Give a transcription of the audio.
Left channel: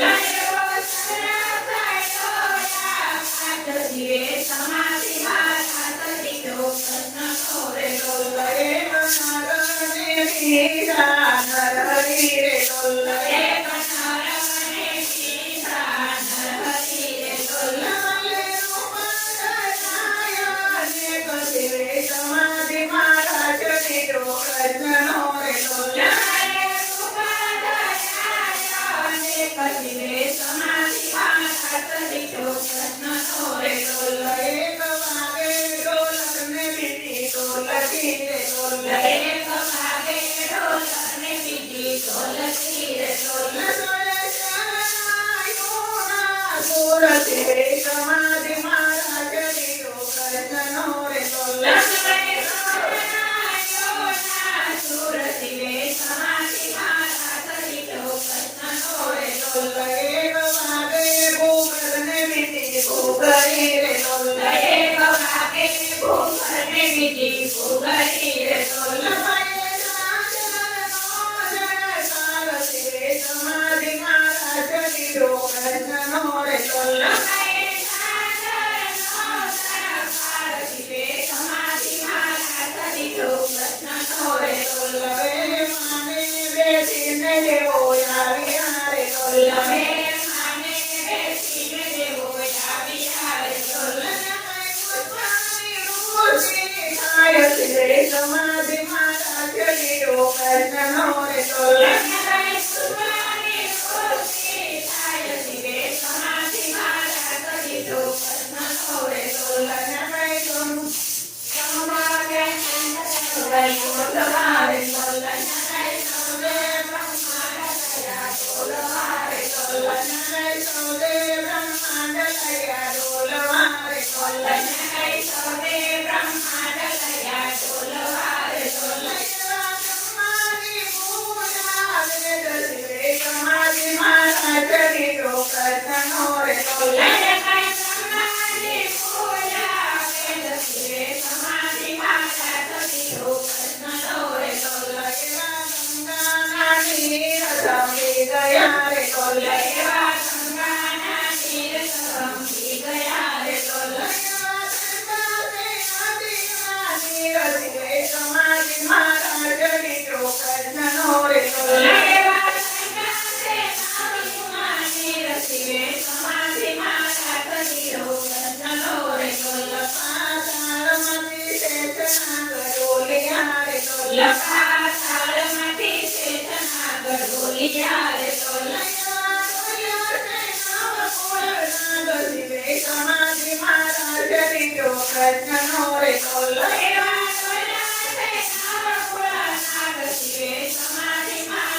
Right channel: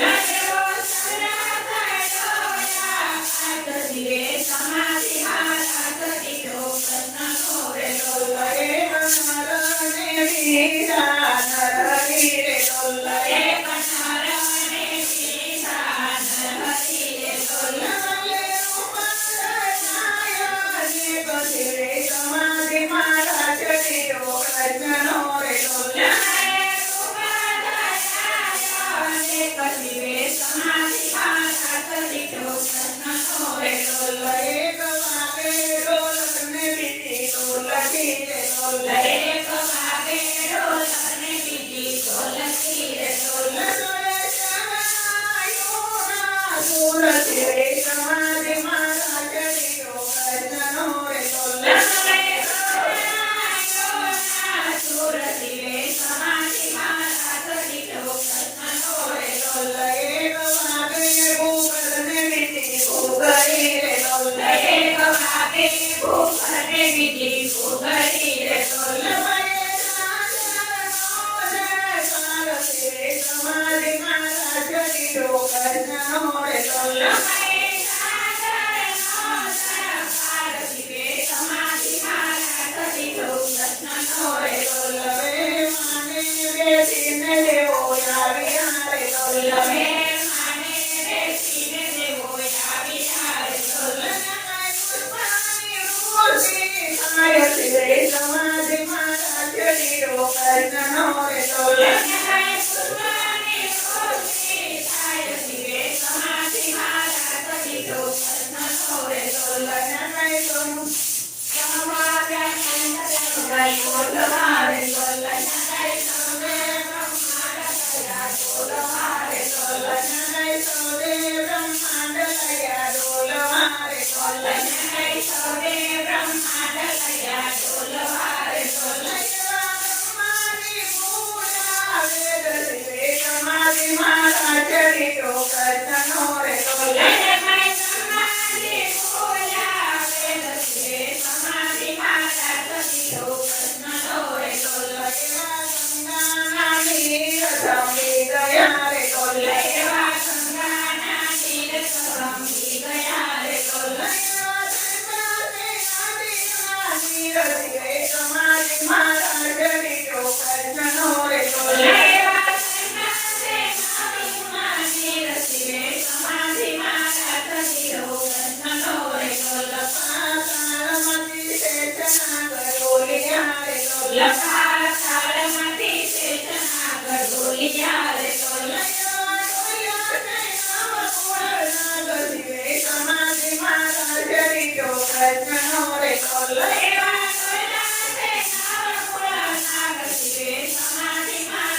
Thank you. Sikhi Pugar arkadaşlar. Pragna